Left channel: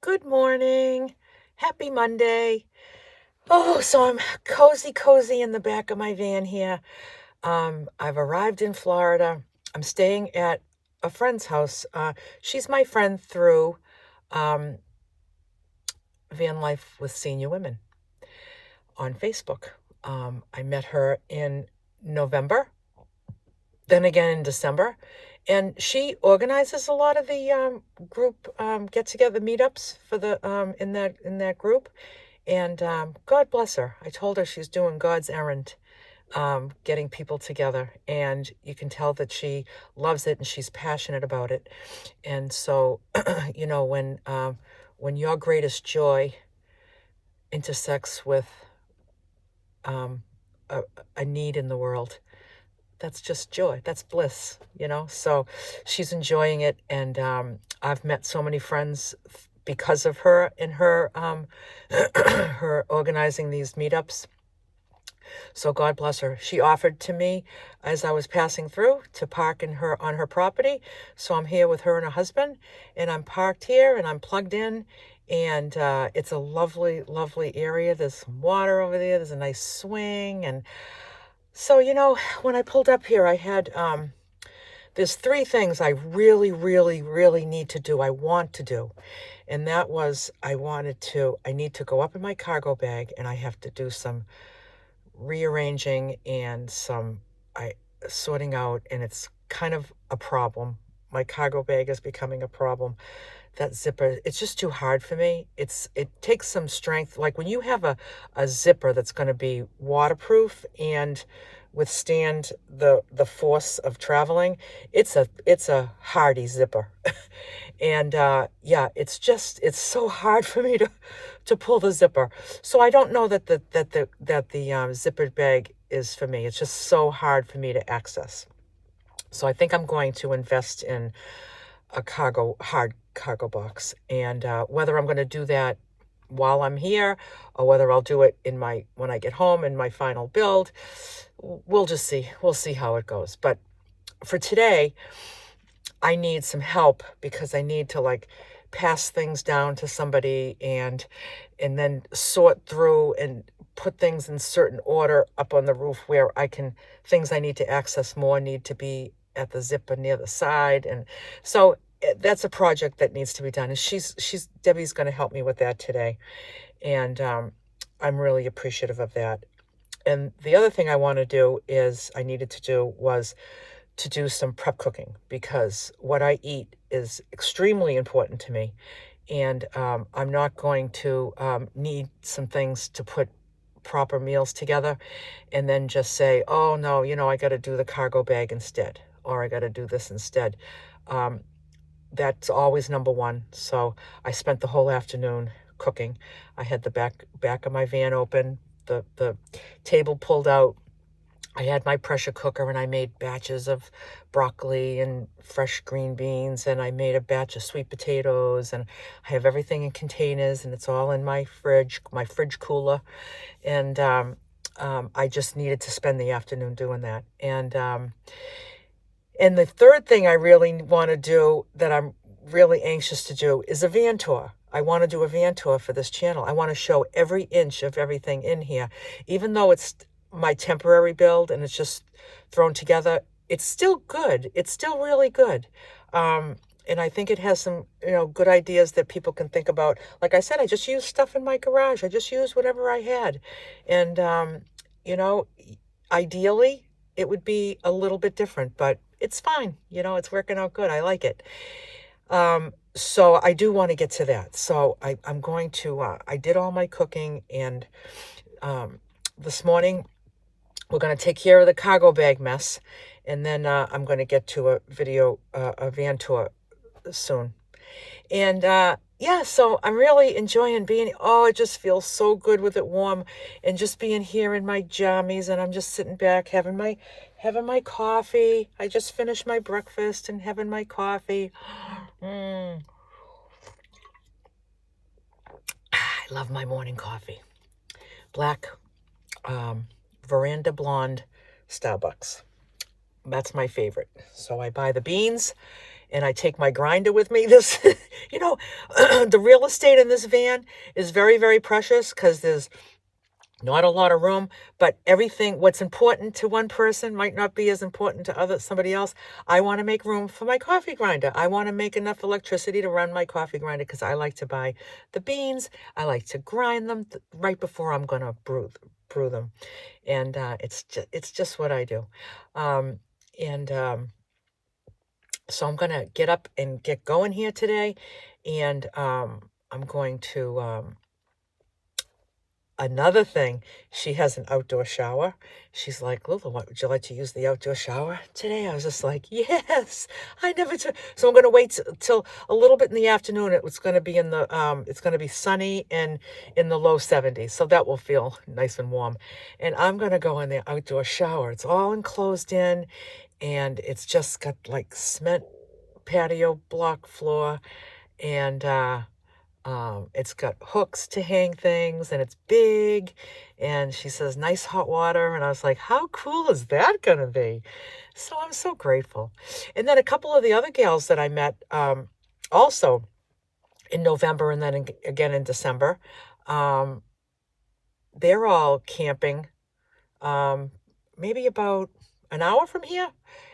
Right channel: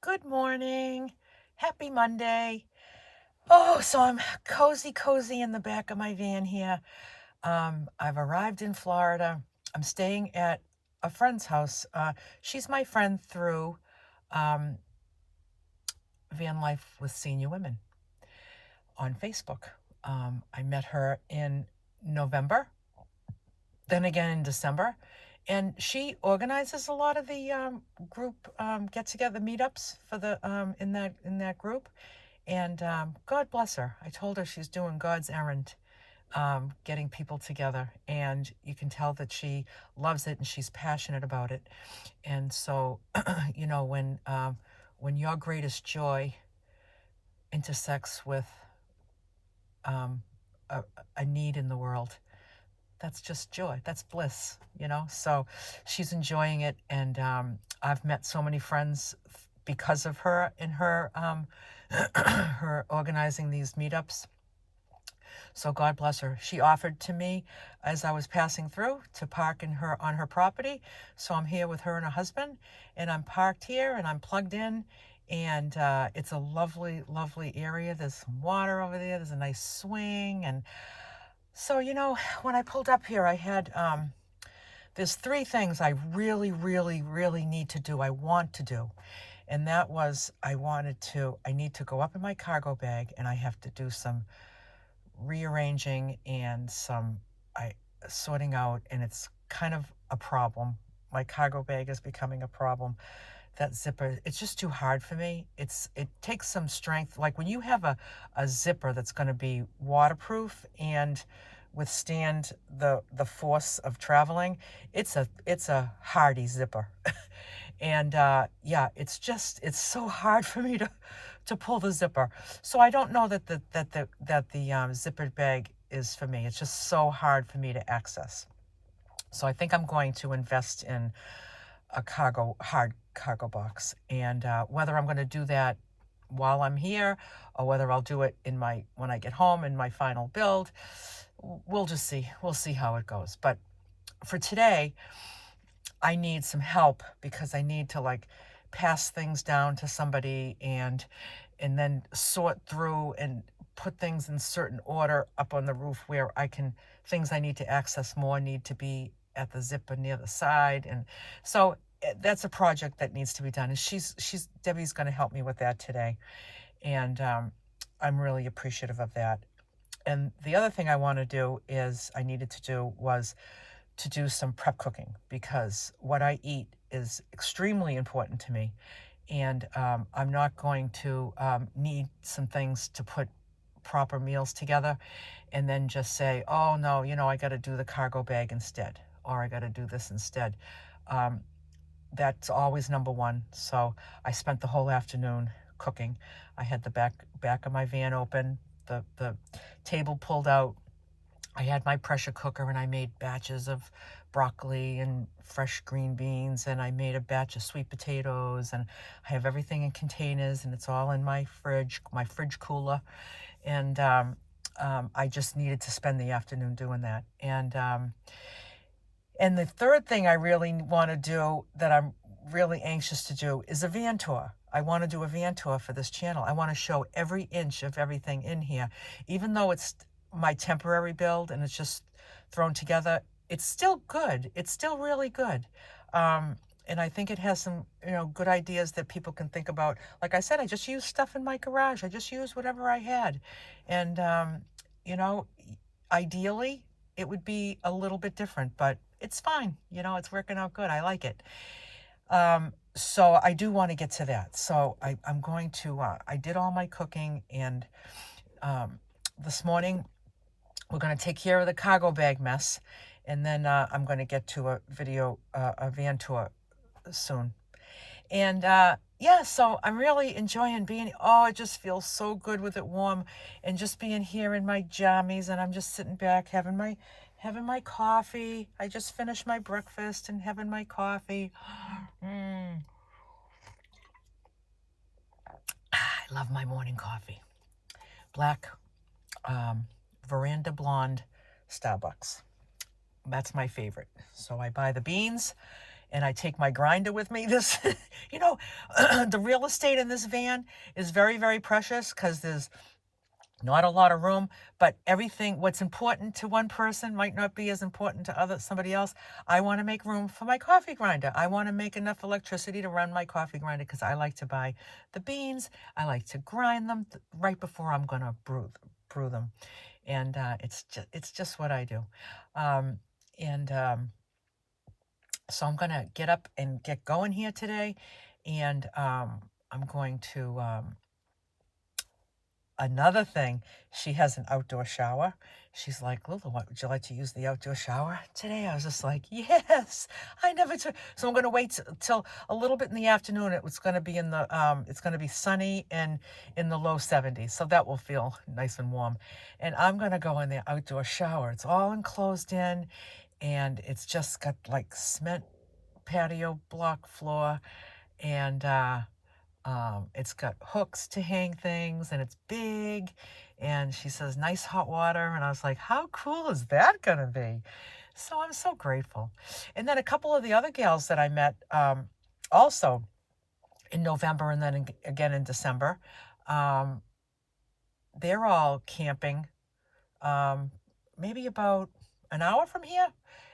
Good morning. Happy Monday. Oh, so I'm cozy in the back of my van here. I've arrived in Florida. I'm staying at a friend's house. She's my friend through um, Van Life with Senior Women on Facebook. I met her in November, then again in December, and she organizes a lot of the group get-together meetups for the in that group. And God bless her. I told her she's doing God's errand, getting people together. And you can tell that she loves it and she's passionate about it. And so, when your greatest joy intersects with um, a, a need in the world, that's just joy. That's bliss. So she's enjoying it. And I've met so many friends because of her and her her organizing these meetups. So God bless her. She offered to me as I was passing through to park on her property. So I'm here with her and her husband, and I'm parked here and I'm plugged in. And it's a lovely, lovely area. There's some water over there. There's a nice swing. And so, when I pulled up here, I had there's three things I really, really, really need to do. I want to do. And that was I need to go up in my cargo bag, and I have to do some rearranging and some I sorting out, and it's kind of a problem. My cargo bag is becoming a problem. That zipper, it's just too hard for me. It takes some strength. Like when you have a zipper that's going to be waterproof and withstand the force of traveling, it's a hardy zipper. And yeah, it's so hard for me to pull the zipper. So I don't know that the zippered bag is for me. It's just so hard for me to access. So I think I'm going to invest in a hard cargo box. And whether I'm going to do that while I'm here or whether I'll do it when I get home in my final build, we'll just see. We'll see how it goes. But for today, I need some help because I need to pass things down to somebody and then sort through and put things in certain order up on the roof where things I need to access more need to be at the zipper near the side. And so that's a project that needs to be done. And Debbie's going to help me with that today. And I'm really appreciative of that. And the other thing I needed to do was to do some prep cooking, because what I eat is extremely important to me. And I'm not going to need some things to put proper meals together and then just say, oh no, I got to do the cargo bag instead, or I got to do this instead. That's always number one. So I spent the whole afternoon cooking. I had the back of my van open, the table pulled out. I had my pressure cooker and I made batches of broccoli and fresh green beans, and I made a batch of sweet potatoes, and I have everything in containers, and it's all in my fridge cooler. And I just needed to spend the afternoon doing that. And the third thing I really want to do, that I'm really anxious to do, is a van tour. I want to do a van tour for this channel. I want to show every inch of everything in here. Even though it's my temporary build and it's just thrown together, it's still good. It's still really good. And I think it has some, good ideas that people can think about. Like I said, I just used stuff in my garage. I just used whatever I had. And, ideally, it would be a little bit different, but it's fine. It's working out good. I like it. So I do want to get to that. So I'm going to, I did all my cooking, and this morning we're going to take care of the cargo bag mess, and then I'm going to get to a van tour soon. And yeah, so I'm really enjoying it just feels so good with it warm and just being here in my jammies, and I'm just sitting back having my coffee. I just finished my breakfast and having my coffee. I love my morning coffee. Black Veranda Blonde Starbucks. That's my favorite. So I buy the beans and I take my grinder with me. This, you know, the real estate in this van is very, very precious because there's not a lot of room, but everything, what's important to one person might not be as important to somebody else. I want to make room for my coffee grinder. I want to make enough electricity to run my coffee grinder because I like to buy the beans. I like to grind them right before I'm going to brew them. And it's just what I do. And so I'm going to get up and get going here today. And I'm going to... Another thing, she has an outdoor shower. She's like, Lulu, would you like to use the outdoor shower today? I was just like, yes, I never took. So I'm going to wait till a little bit in the afternoon. It's going to be it's going to be sunny and in the low 70s. So that will feel nice and warm. And I'm going to go in the outdoor shower. It's all enclosed in, and it's just got like cement patio block floor, and it's got hooks to hang things, and it's big, and she says nice hot water, and I was like, how cool is that gonna be? So I'm so grateful. And then a couple of the other gals that I met also in November and then again in December, they're all camping maybe about an hour from here,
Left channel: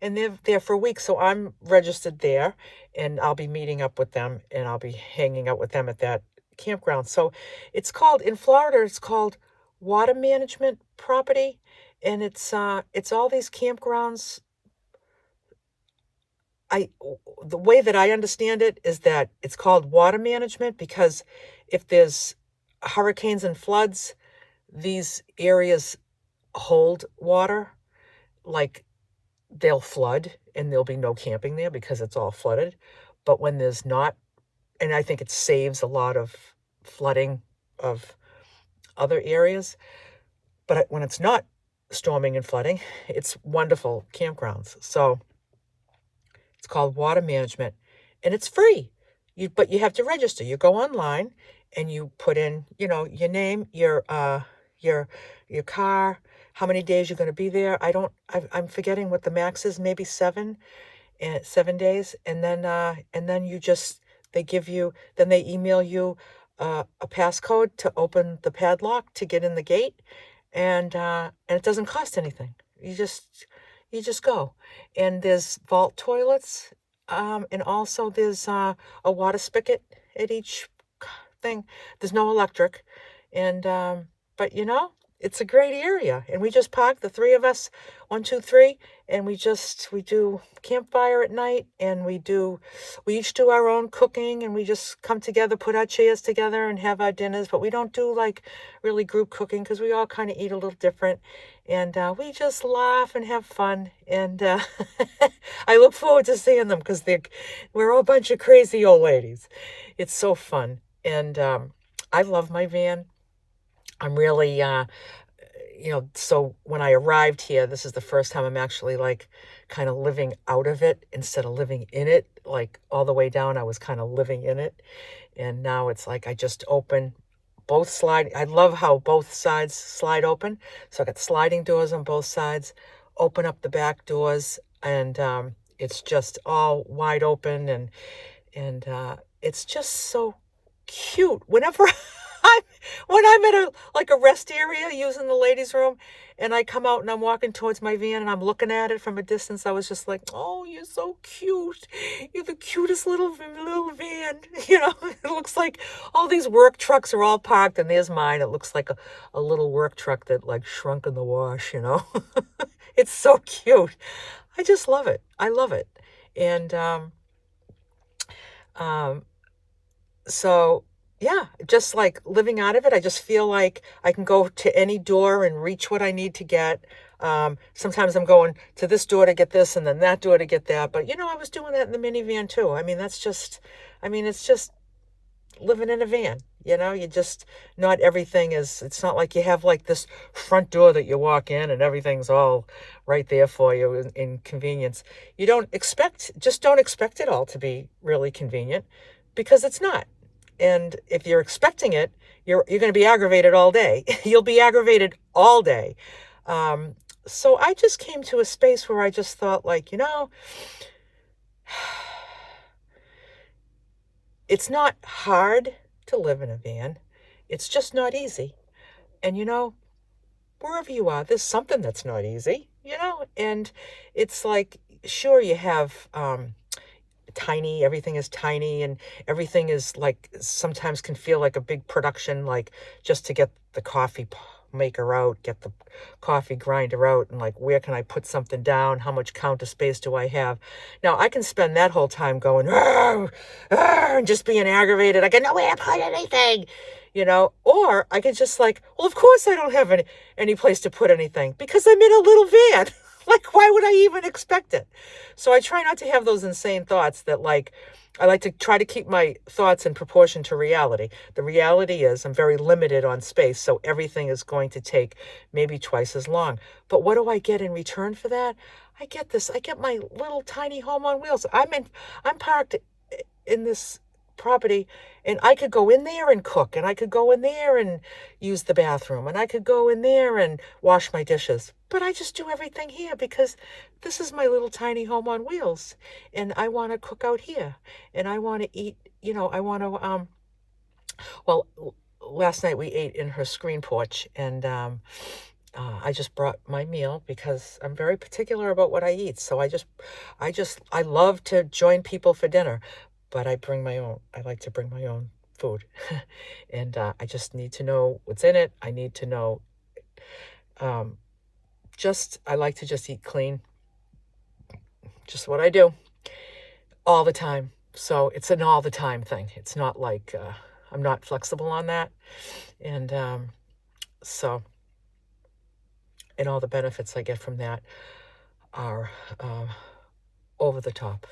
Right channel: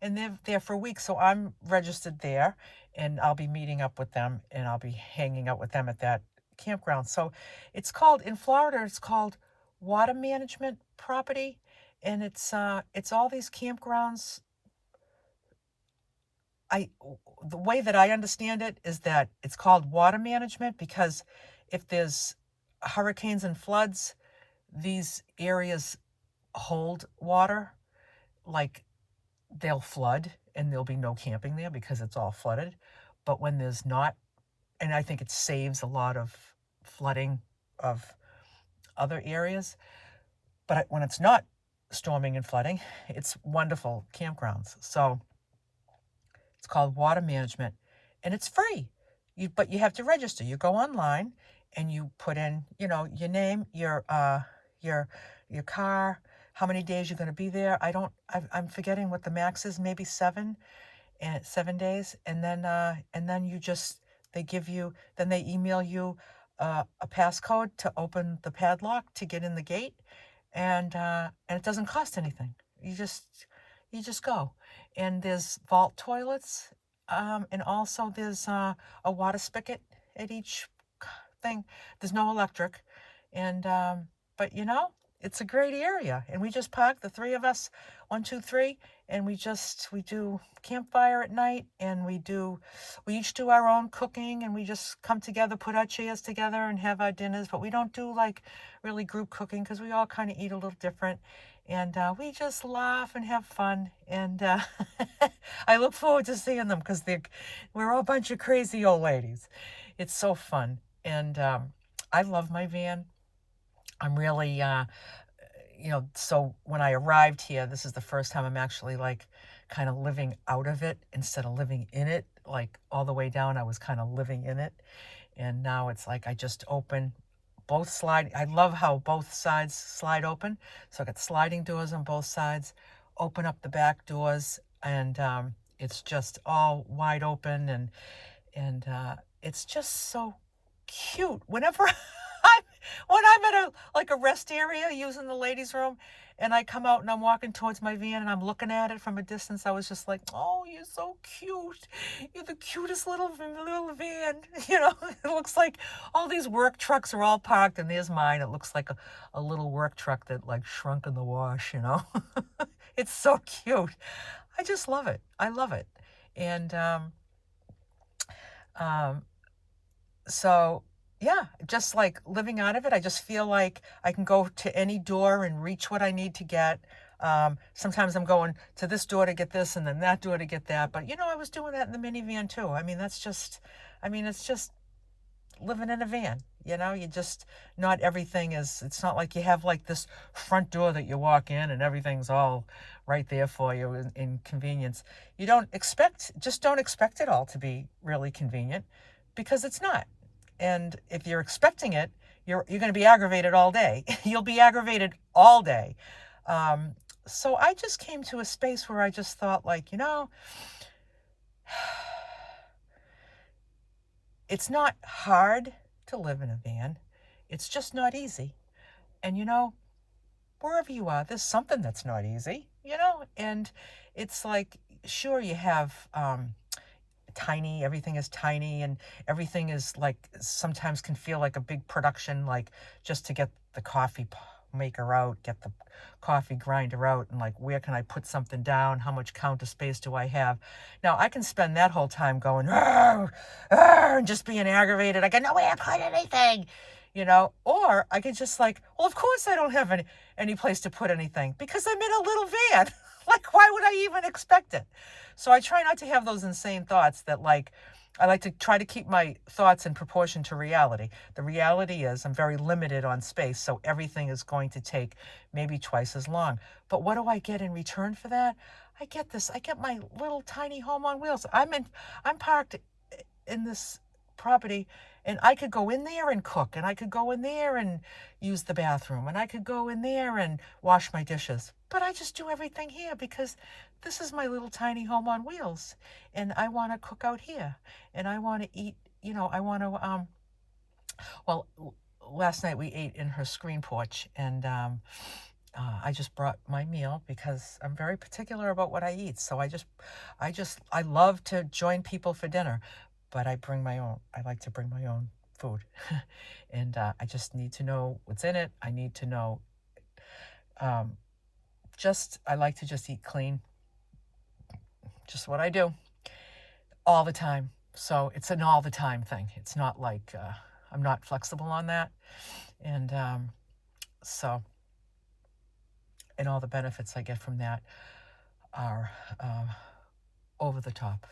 and they're there for a week. So I'm registered there, and I'll be meeting up with them, and I'll be hanging out with them at that campground. So it's called, in Florida, it's called Water Management Property, and it's all these campgrounds. The way that I understand it is that it's called water management because if there's hurricanes and floods, these areas hold water. Like, they'll flood and there'll be no camping there because it's all flooded. But when there's not, and I think it saves a lot of flooding of other areas, but when it's not storming and flooding, it's wonderful campgrounds. So it's called water management, and it's free. But you have to register. You go online and you put in, your name, your car, how many days you're going to be there. I'm forgetting what the max is, maybe 7 days. And then they email you a passcode to open the padlock to get in the gate. And it doesn't cost anything. You just go. And there's vault toilets. And also there's a water spigot at each thing. There's no electric. And, but it's a great area. And we just park, the three of us, 1, 2, 3, and we do campfire at night, and we each do our own cooking, and we just come together, put our chairs together and have our dinners. But we don't do like really group cooking because we all kind of eat a little different. And we just laugh and have fun. And I look forward to seeing them because we're all a bunch of crazy old ladies. It's so fun. And I love my van. I'm really, so when I arrived here, this is the first time I'm actually like kind of living out of it instead of living in it. Like all the way down, I was kind of living in it. And now it's like I just open both I love how both sides slide open. So I got sliding doors on both sides, open up the back doors, and it's just all wide open, and it's just so cute. Whenever when I'm at a rest area using the ladies' room, and I come out and I'm walking towards my van and I'm looking at it from a distance, I was just like, oh, you're so cute. You're the cutest little van. It looks like all these work trucks are all parked, and there's mine. It looks like a little work truck that like shrunk in the wash, It's so cute. I just love it. I love it. And so yeah, just like living out of it, I just feel like I can go to any door and reach what I need to get. Sometimes I'm going to this door to get this and then that door to get that. But, I was doing that in the minivan too. It's just living in a van. Not everything it's not like you have like this front door that you walk in and everything's all right there for you in convenience. You don't expect it all to be really convenient, because it's not. And if you're expecting it, you're going to be aggravated all day. You'll be aggravated all day. So I just came to a space where I just thought, like, it's not hard to live in a van. It's just not easy. And wherever you are, there's something that's not easy, and it's like, sure, you have everything is tiny, and everything is like, sometimes can feel like a big production, like just to get the coffee maker out, get the coffee grinder out, and like, where can I put something down? How much counter space do I have? Now, I can spend that whole time going, "Arr, arr," and just being aggravated. I got nowhere to put anything, or I could just like, well, of course I don't have any place to put anything because I'm in a little van. Like, why would I even expect it? So I try not to have those insane thoughts that, like, I like to try to keep my thoughts in proportion to reality. The reality is I'm very limited on space, so everything is going to take maybe twice as long. But what do I get in return for that? I get my little tiny home on wheels. I'm parked in this property, and I could go in there and cook, and I could go in there and use the bathroom, and I could go in there and wash my dishes. But I just do everything here because this is my little tiny home on wheels, and I want to cook out here, and I want to eat, I want to well, last night we ate in her screen porch, and I just brought my meal because I'm very particular about what I eat. So I love to join people for dinner, but I like to bring my own food. And I just need to know what's in it. I need to know, I like to just eat clean, just what I do all the time. So it's an all the time thing. It's not like, I'm not flexible on that. And and all the benefits I get from that are over the top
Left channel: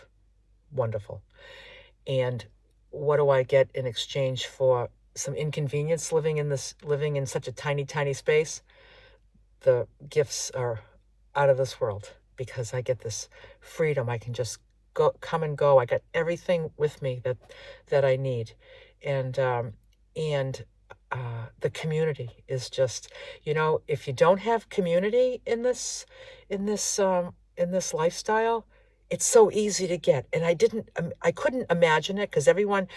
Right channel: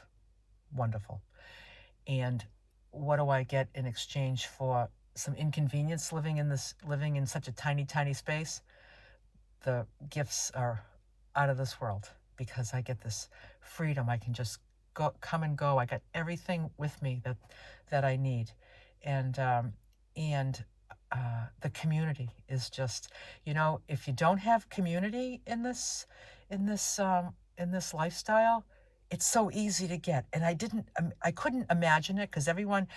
wonderful. And what do I get in exchange for some inconvenience living in such a tiny, tiny space? The gifts are out of this world because I get this freedom. I can just come and go. I got everything with me that I need. And the community is just, if you don't have community in this lifestyle, it's so easy to get. And I couldn't imagine it, because everyone,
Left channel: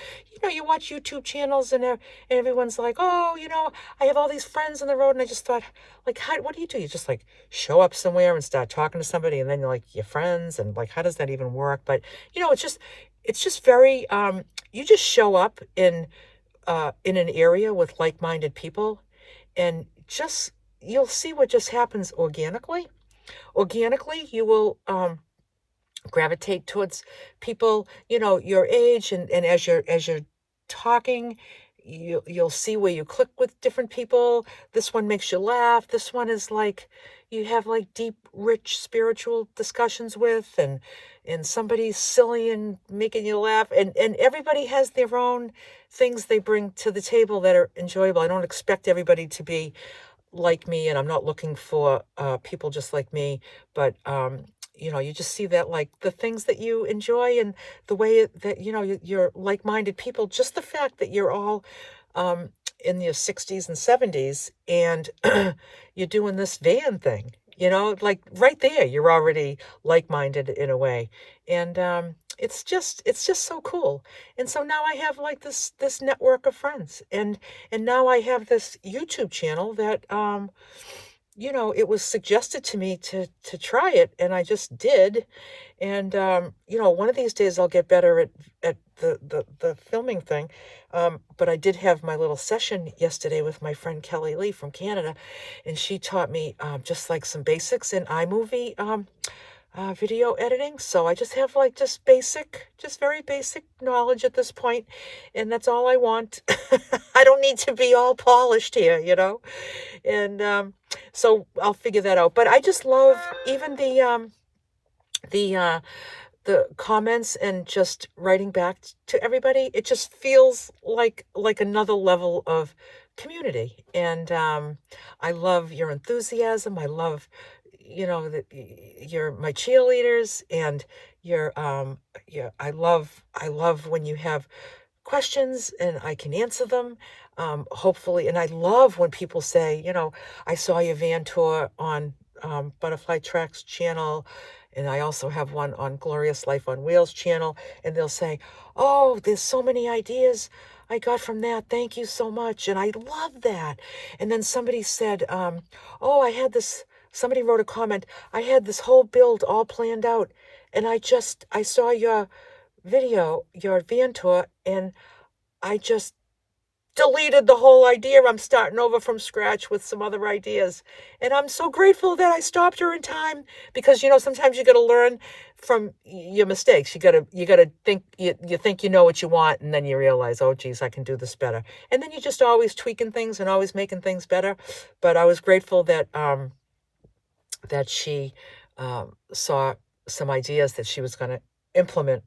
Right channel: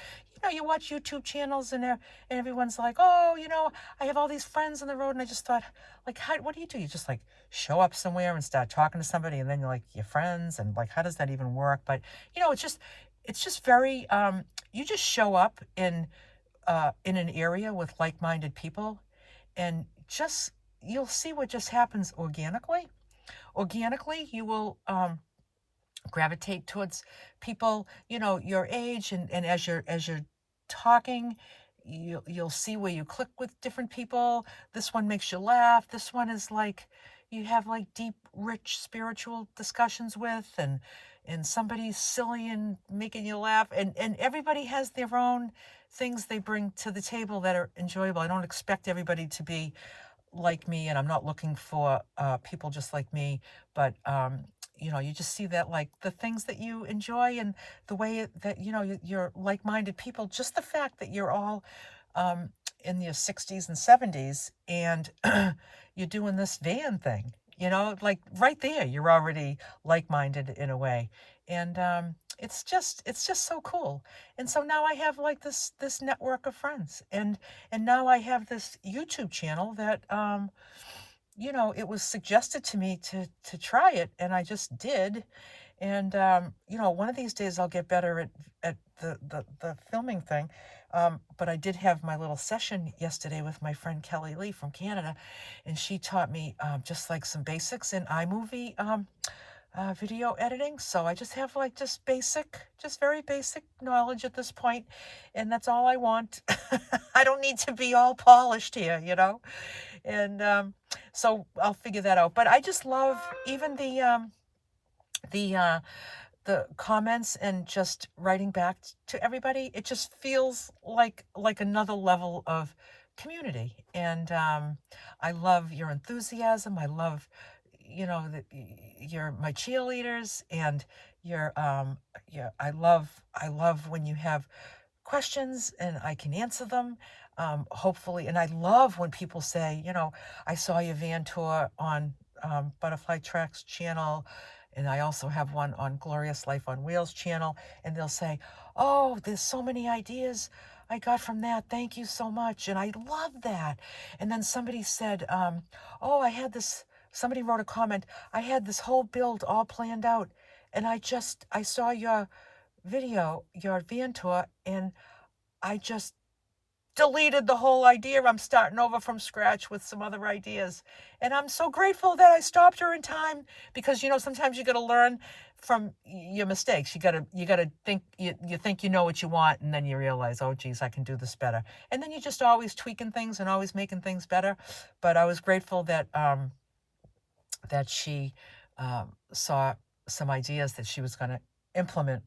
you watch YouTube channels, and everyone's like, oh, I have all these friends on the road. And I just thought, like, what do? You just like show up somewhere and start talking to somebody, and then you're like, your friends, and like, how does that even work? But it's just very, you just show up in an area with like-minded people, and you'll see what just happens organically. You will gravitate towards people, your age, and as you're talking, you'll see where you click with different people. This one makes you laugh. This one is like, you have like deep, rich spiritual discussions with, and somebody's silly and making you laugh, and everybody has their own things they bring to the table that are enjoyable. I don't expect everybody to be like me, and I'm not looking for people just like me, but you just see that, like, the things that you enjoy, and the way that you're like-minded people. Just the fact that you're all in your 60s and 70s, and you're doing this van thing, like, right there you're already like-minded in a way. And it's just so cool. And so now I have like this network of friends, and now I have this YouTube channel that it was suggested to me to try it, and I just did. And one of these days I'll get better at the filming thing. But I did have my little session yesterday with my friend Kelly Lee from Canada, and she taught me just like some basics in iMovie video editing. So I just have like just very basic knowledge at this point, and that's all I want. I don't need to be all polished here, and so I'll figure that out. But I just love even the comments, and just writing back to everybody. It just feels like another level of community. And I love your enthusiasm. I love, that you're my cheerleaders, and I love when you have questions and I can answer them, hopefully. And I love when people say, I saw your van tour on Butterfly Tracks channel, And I also have one on Glorious Life on Wheels channel, and they'll say, oh, there's so many ideas I got from that. Thank you so much. And I love that. And then somebody said, oh, somebody wrote a comment. I had this whole build all planned out. And I saw your video, your van tour, and I just deleted the whole idea. I'm starting over from scratch with some other ideas. And I'm so grateful that I stopped her in time, because, sometimes you got to learn from your mistakes. You got to think, you think you know what you want, and then you realize, oh, geez, I can do this better. And then you're just always tweaking things and always making things better. But I was grateful that, that she saw some ideas that she was going to implement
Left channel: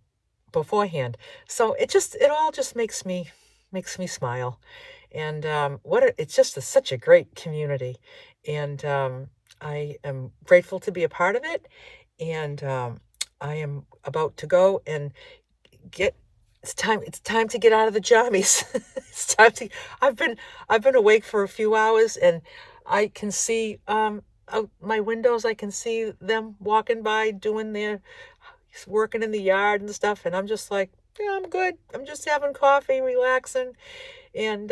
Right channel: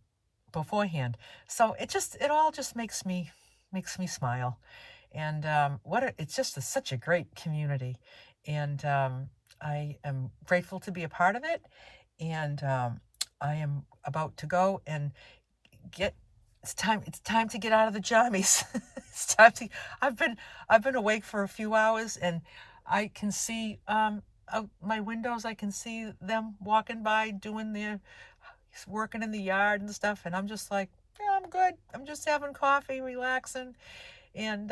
beforehand. So it all just makes me smile. And it's just such a great community. And I am grateful to be a part of it. And I am about to go and it's time to get out of the jammies. It's time to, I've been awake for a few hours, and I can see out my windows, I can see them walking by, working in the yard and stuff. And I'm just like, yeah, I'm good. I'm just having coffee, relaxing, and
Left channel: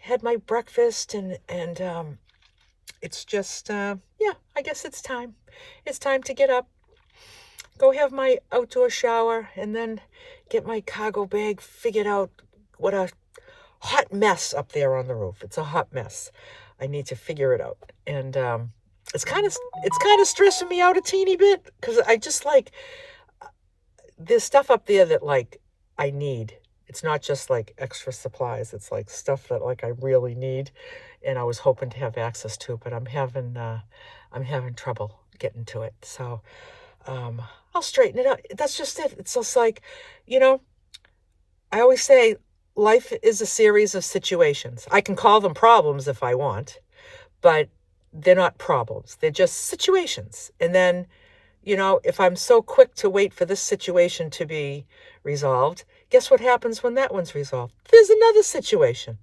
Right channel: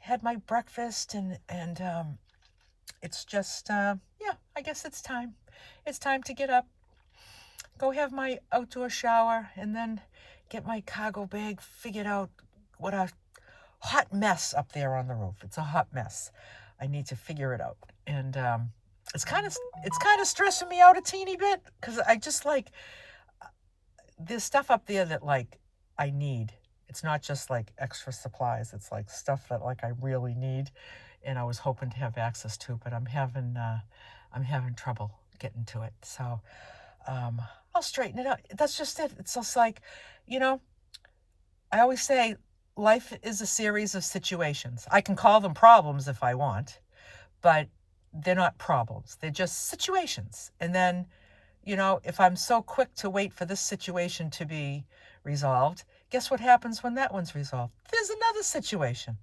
had my breakfast, and it's just, yeah, I guess it's time. It's time to get up, go have my outdoor shower, and then get my cargo bag figured out. What a hot mess up there on the roof. It's a hot mess. I need to figure it out. And it's kind of stressing me out a teeny bit, because I just like, there's stuff up there that like I need. It's not just like extra supplies. It's like stuff that like I really need, and I was hoping to have access to, but I'm having trouble getting to it. So I'll straighten it out. That's just it. It's just like, I always say life is a series of situations. I can call them problems if I want, but they're not problems. They're just situations. And then, if I'm so quick to wait for this situation to be resolved, guess what happens when that one's resolved? There's another situation.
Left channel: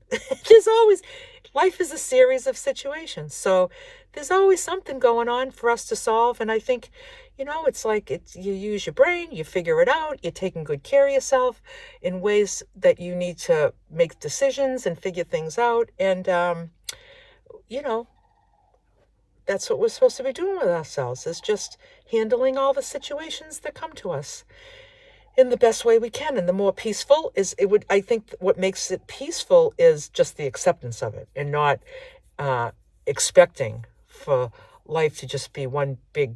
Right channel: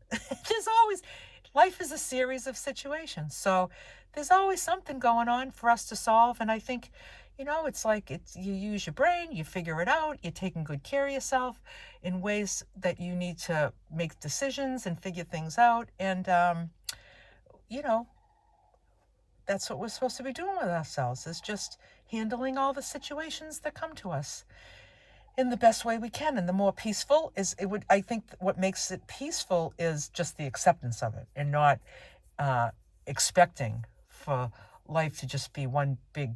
Life is a series of situations. So there's always something going on for us to solve. And I think, it's like you use your brain, you figure it out, you're taking good care of yourself in ways that you need to make decisions and figure things out. And, that's what we're supposed to be doing with ourselves, is just handling all the situations that come to us in the best way we can. And the more peaceful I think what makes it peaceful is just the acceptance of it, and not expecting for life to just be one big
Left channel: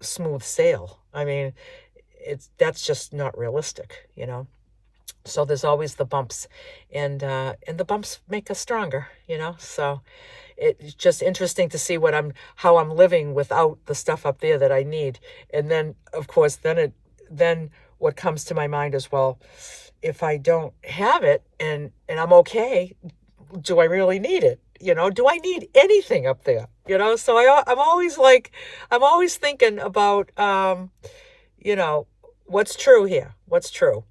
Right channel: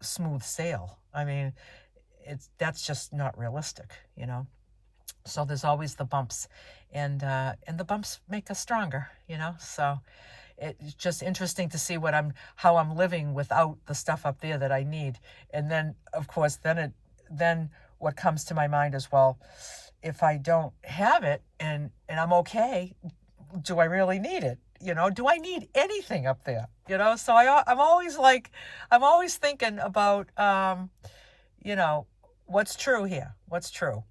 smooth sail. I mean, that's just not realistic, So there's always the bumps, and the bumps make us stronger, So it's just interesting to see how I'm living without the stuff up there that I need. And then, of course, then what comes to my mind is, well, if I don't have it and I'm okay, do I really need it? Do I need anything up there? So I'm always thinking about, what's true here? What's true?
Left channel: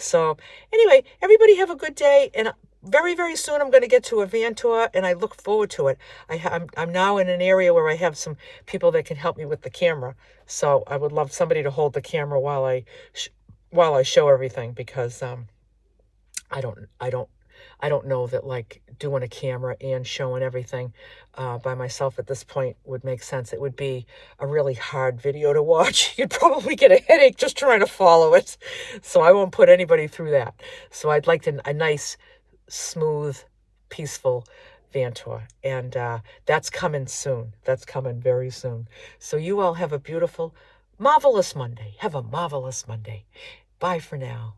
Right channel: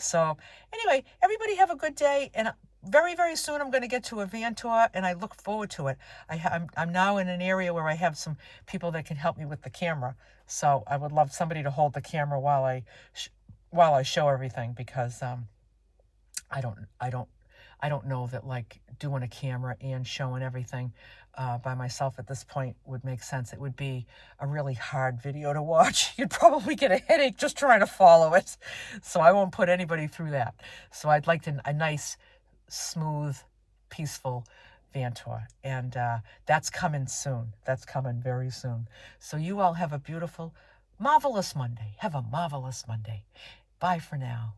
So anyway, everybody have a good day. And very, very soon I'm going to get to a van tour, and I look forward to it. I'm now in an area where I have some people that can help me with the camera. So I would love somebody to hold the camera while I show everything, because I don't know that like doing a camera and showing everything by myself at this point would make sense. It would be a really hard video to watch. You'd probably get a headache just trying to follow it. So I won't put anybody through that. So I'd like a nice, smooth, peaceful van tour. And that's coming soon. That's coming very soon. So you all have a beautiful, marvelous Monday. Have a marvelous Monday. Bye for now.